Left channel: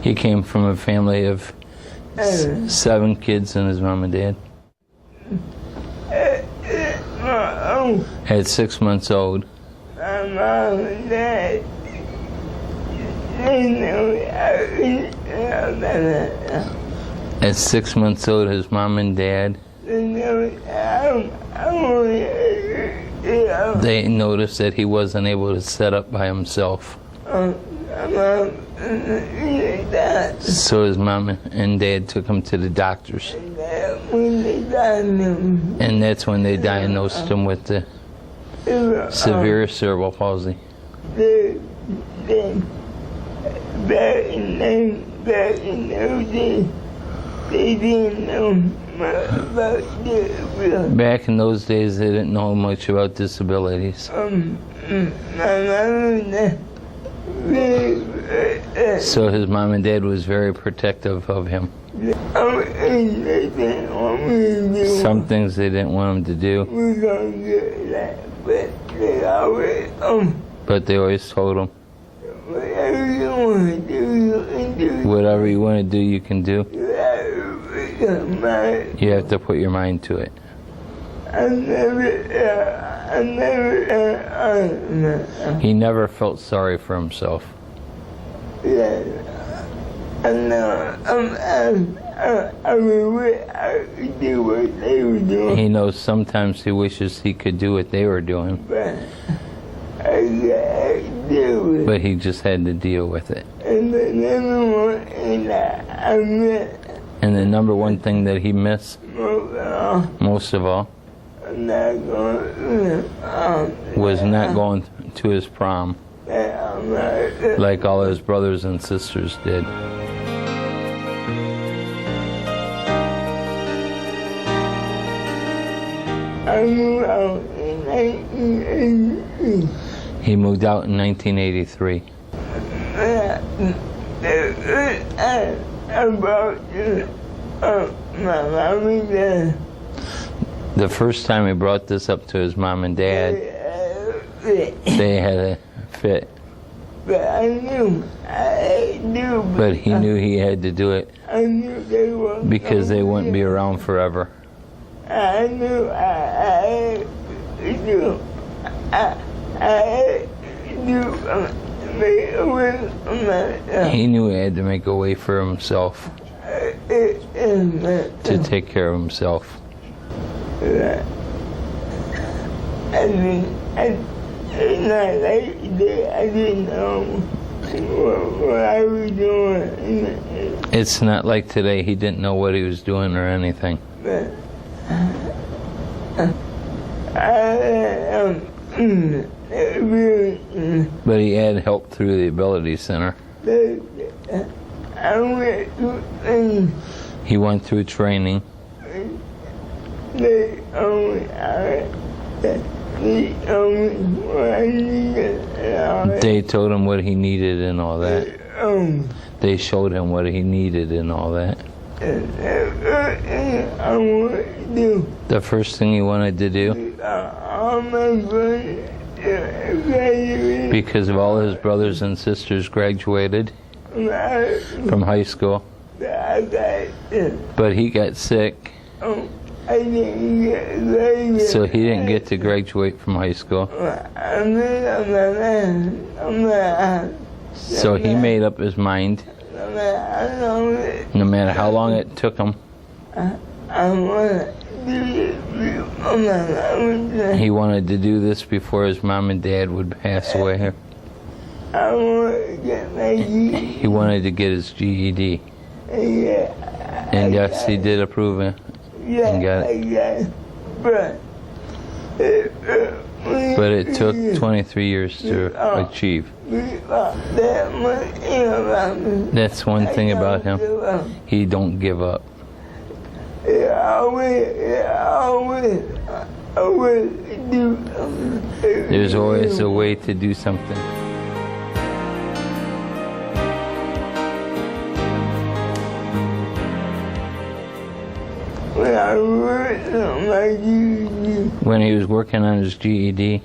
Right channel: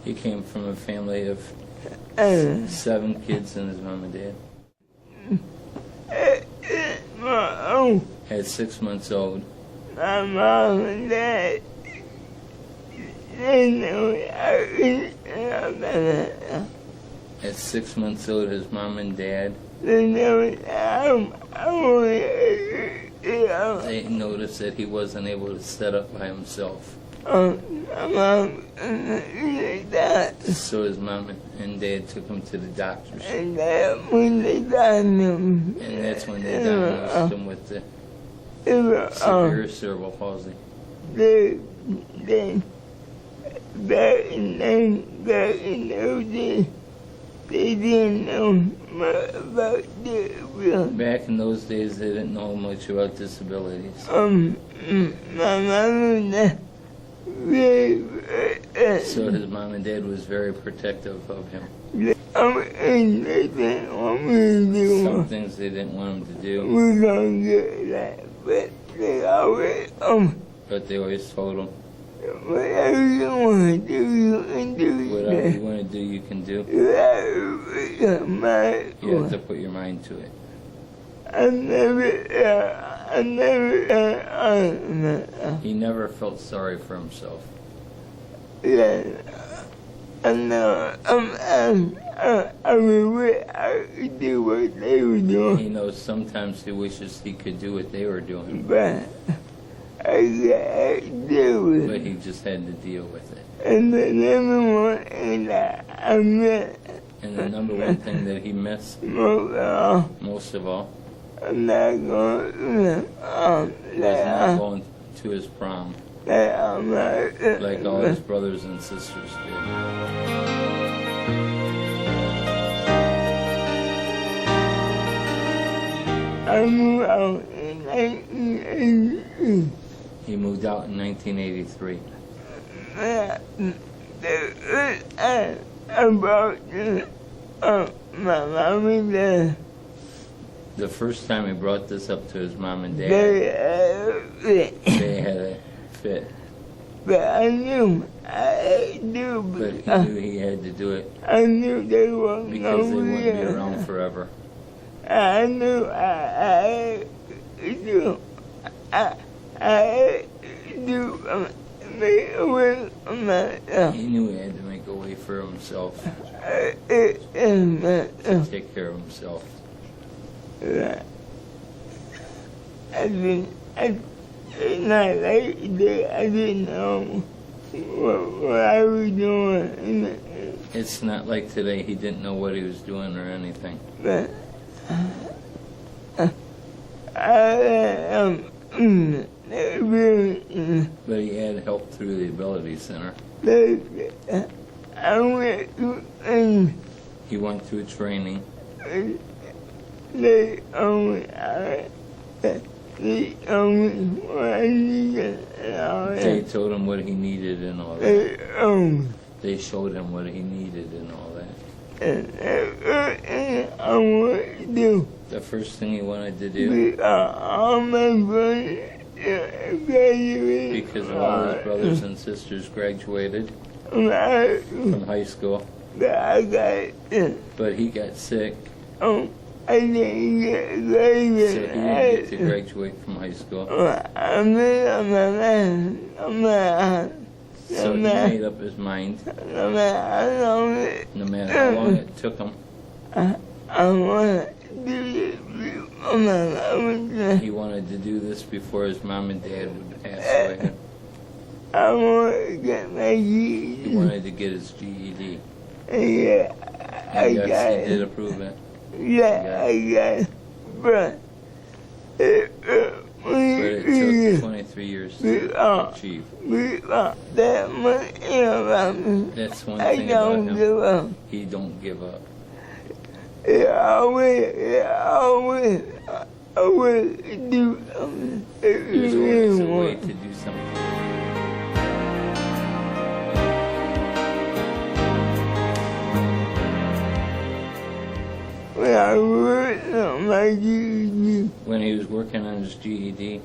He came from a family of 7 kids and his mom and dad. At 6 months old, My mom and dad, at 6 months old, his mom and dad, they noticed that he wasn't able to sit up by himself. So his mom and dad took him to the doctors. And that's when they diagnosed him with the severe cerebral palsy. Back in those days, they didn't know much about disabilities. So his mom and dad was very protective of him. Some things they didn't want him to do, but they always told him, whatever you want to do, you can do. You have to put your mind to it. He never felt sorry for himself. He knows sometimes he wishes he could do what they were doing, but he just had to deal with it. And the number one thing that he missed, most of all, was not going to his prom, like all his brothers and sisters did. He moved out in 1983. The first time he brought this up to his mom and dad, they had a fit. But he knew he had to do it because they wouldn't be around forever. He knew he had to make a way for himself, to take care of himself. I didn't know what I was doing. It's not like today. He didn't know what he was doing or anything. But he had help through the Ability Center. He went through training. They told him what he needed and all that. They showed him what he needed and all that. The first thing he wanted to do, because of all his brothers and sisters graduated from high school, but he got sick, so he didn't get to graduate from high school. So he made up his mind, no matter how long it took him, he wanted to do this before his mom and dad would pass away. He wanted to get his GED. And yes, he did approve it. And got it. But it took 23 years to achieve. That's one thing about him. He don't give up. There's always a way to do something. When he was working on his GED,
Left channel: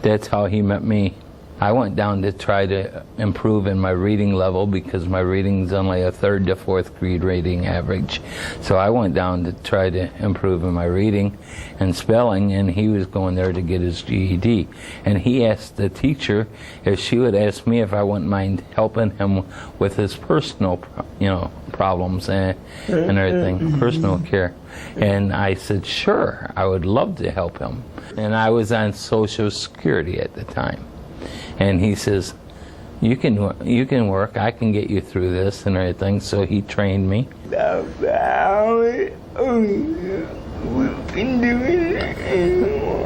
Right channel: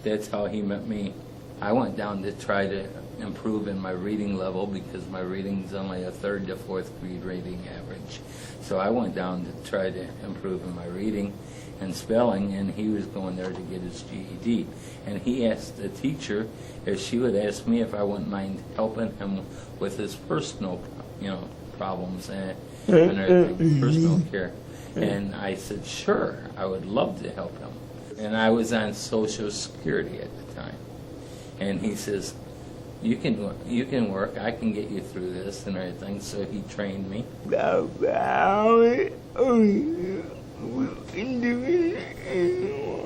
that's how he met me. I went down to try to improve in my reading level because my reading's only a 3rd to 4th grade rating average. So I went down to try to improve in my reading and spelling, and he was going there to get his GED. And he asked the teacher if she would ask me if I wouldn't mind helping him with his personal, problems and everything, personal care. And I said, sure, I would love to help him. And I was on Social Security at the time. And he says, you can work, I can get you through this and everything. So he trained me.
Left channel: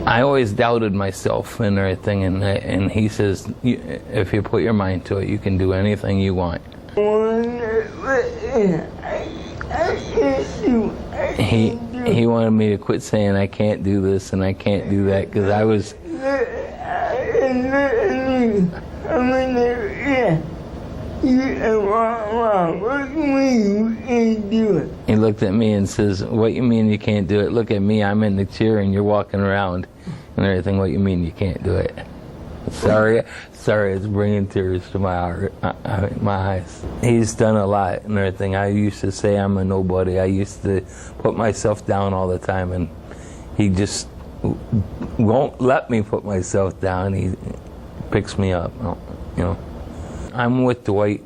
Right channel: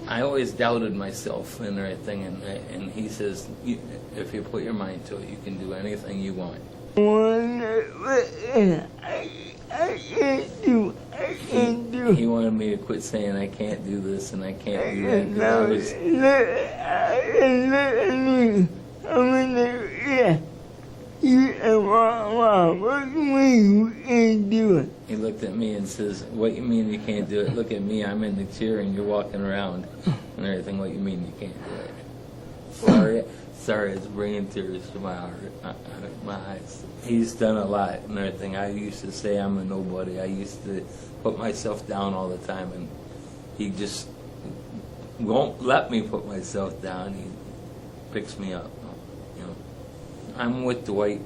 I always doubted myself and everything, and he says, if you put your mind to it, you can do anything you want. He wanted me to quit saying I can't do this and I can't do that, because I was... He looked at me and says, what you mean you can't do it? Look at me, I'm in the chair and you're walking around and everything. What you mean you can't do it? Sorry, it's bringing tears to my eyes. He's done a lot and everything. I used to say I'm a nobody. I used to put myself down all the time, and he just won't let me put myself down. He picks me up, I'm with Dwight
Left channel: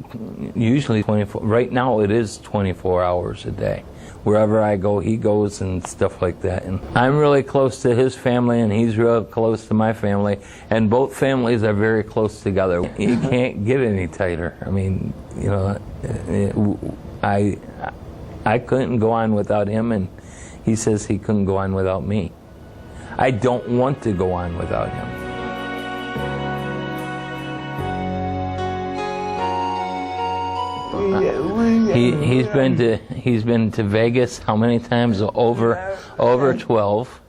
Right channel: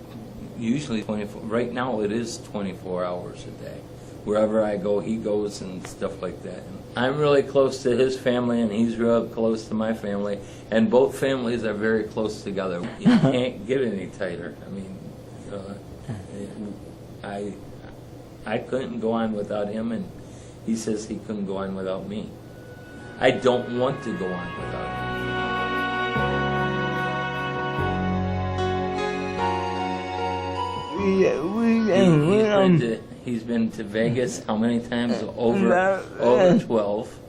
usually 24. Right now it is 24 hours a day. Wherever I go, he goes and stuff like that. And I'm really close to his family, and he's real close to my family. And both families are very close together. You can't get any tighter. I mean, I couldn't go on without him, and he says he couldn't go on without me. I don't want to go on without him. He's been to Vegas how many times? Over 12.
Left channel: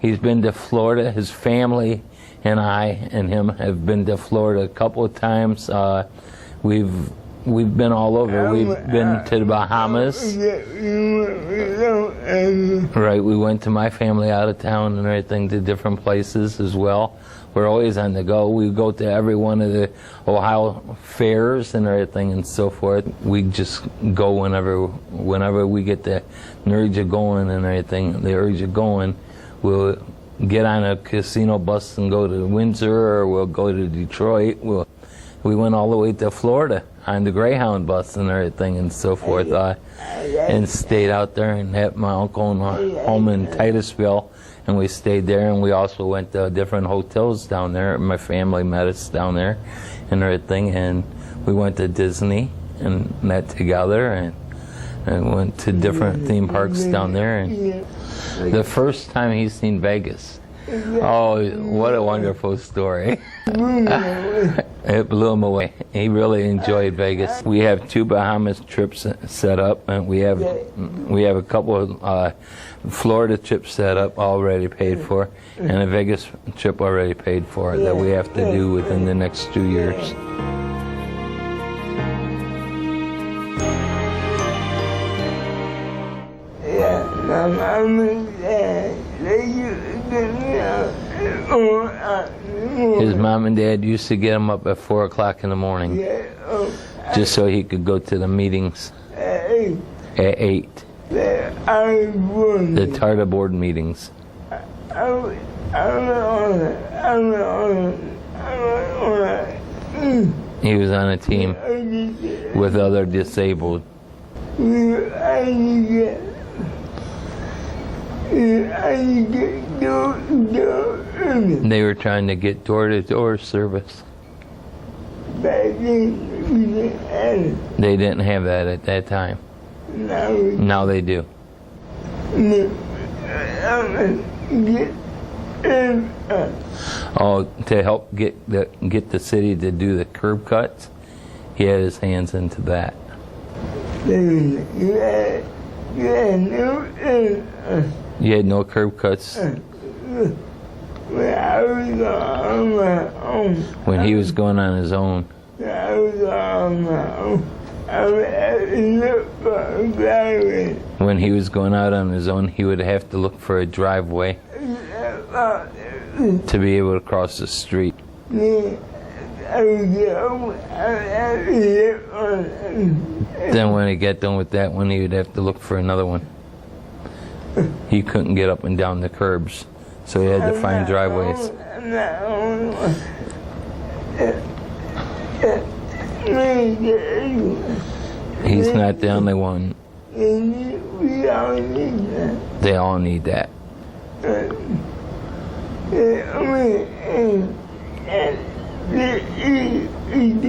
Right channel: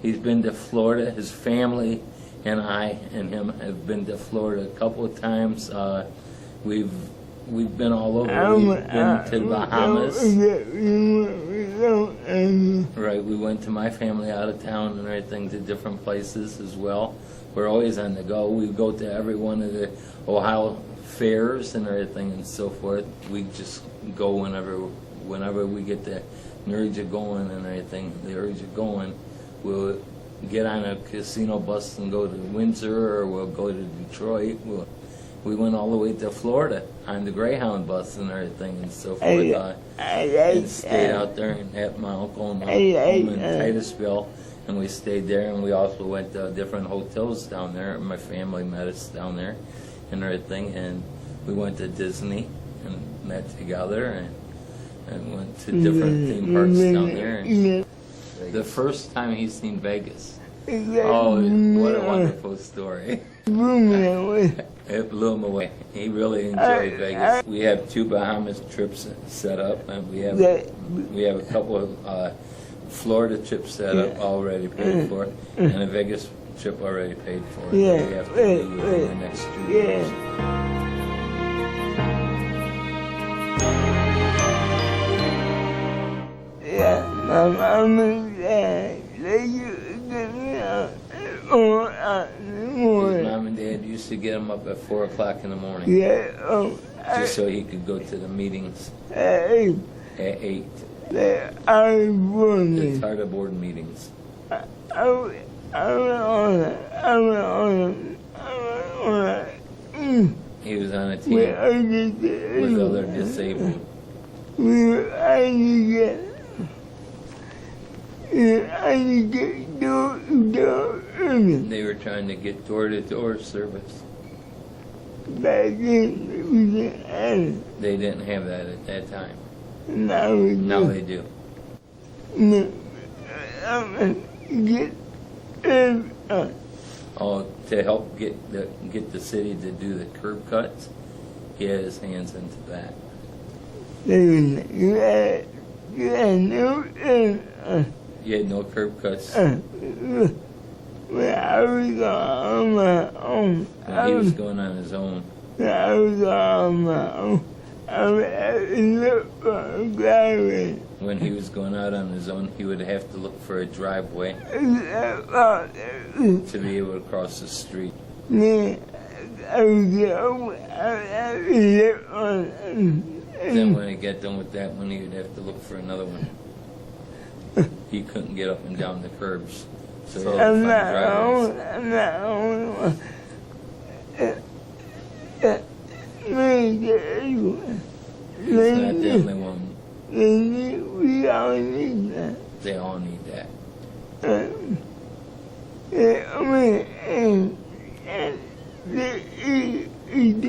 He's been to Florida. His family and I and him have been to Florida a couple of times. We've been all over. We've been to the Bahamas. Right, we went to my family out of town and everything, to different places as well. We're always on the go. We go to every one of the Ohio fairs and everything and so forth. We just go whenever we get the urge of going and everything, the urge of going. We'll get on a casino bus and go to Windsor, or we'll go to Detroit. We went all the way to Florida on the Greyhound bus and everything and so forth, and stayed out there and had my uncle and home in Titusville. And we stayed there, and we also went to different hotels down there. My family met us down there and everything, and we went to Disney and met together, and went to different theme parks down there. And the first time he's seen Vegas, oh, what a wonderful story. It blew him away. He really enjoyed Vegas. We have 2 Bahamas trips set up, and we have a couple of Florida trip set up, already paid for, and a Vegas trip already paid for that we have to do within the next 2 years. His mom and dad used to get him up at 4 o'clock in the morning, just so he could go to the meetings at 8. The Tarta board meetings. He was on a team with other disabled. They were trying to get door-to-door service. They didn't have that at that time. Now they do. Oh, to help get the city to do the curb cuts, he had his hands into that. You had no curb cuts? When he was going on his own. When he was going out on his own, he would have to look for a driveway to be able to cross the street. Then when he got done with that one, he would have to look for another one. He couldn't get up and down the curbs, so he had to find driveways. He's not the only one. They all need that.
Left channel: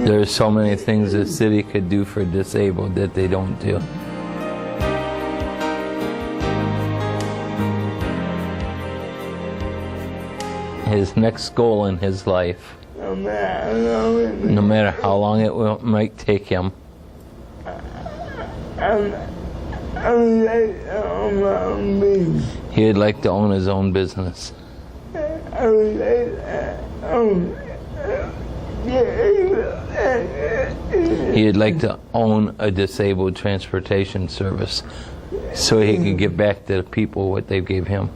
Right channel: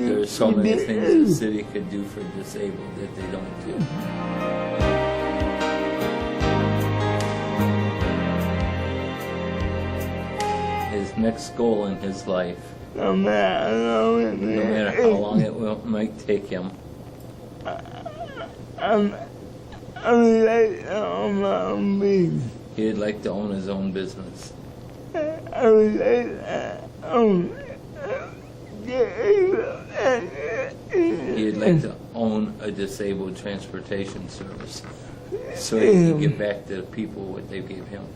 There's so many things the city could do for disabled that they don't do. His next goal in his life, no matter how long it might take him, he'd like to own his own business. He'd like to own a disabled transportation service so he could get back to the people what they gave him.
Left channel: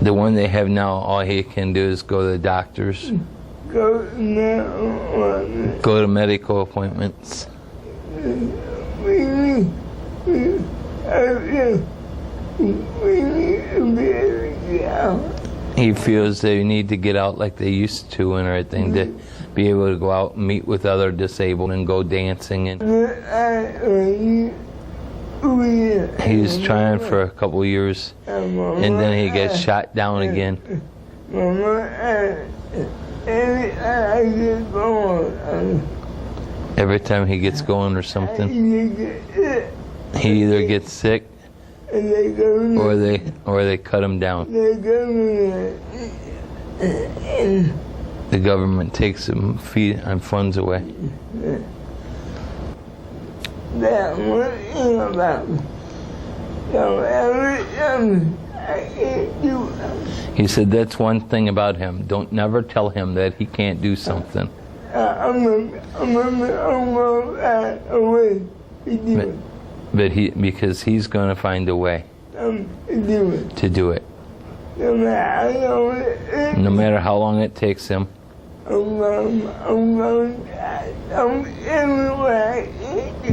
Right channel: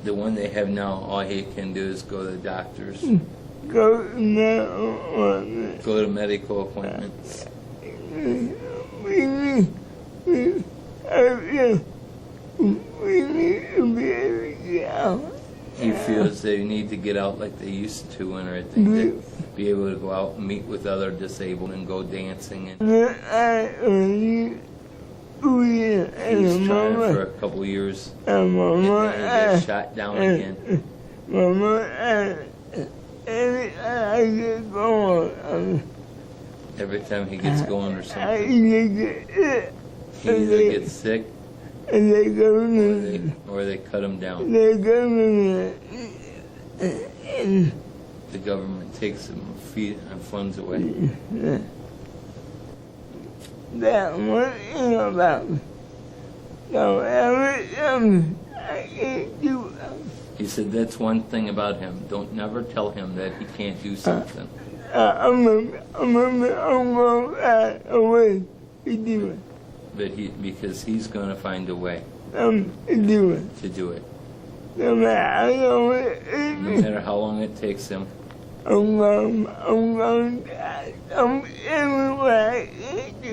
The one they have now, all he can do is go to the doctors, go to medical appointments. He feels they need to get out like they used to and everything, to be able to go out and meet with other disabled and go dancing. And he's trying for a couple years, and then he gets shot down again. Every time he gets going or something, he either gets sick or they cut him down. The government takes him feet and funds away. He said that's one thing about him. Don't never tell him that he can't do something. Because he's going to find a way to do it. No matter how long it takes him.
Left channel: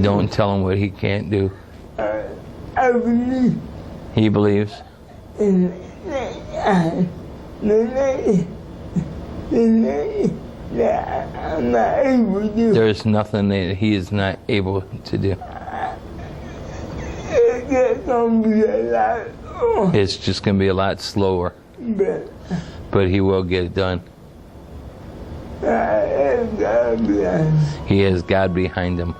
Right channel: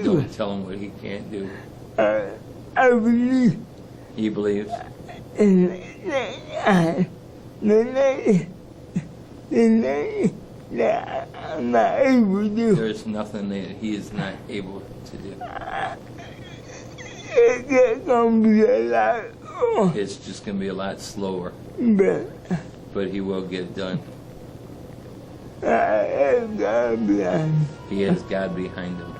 Don't tell him what he can't do. He believes. There's nothing that he is not able to do. It's just going to be a lot slower. But he will get it done. He has God behind him.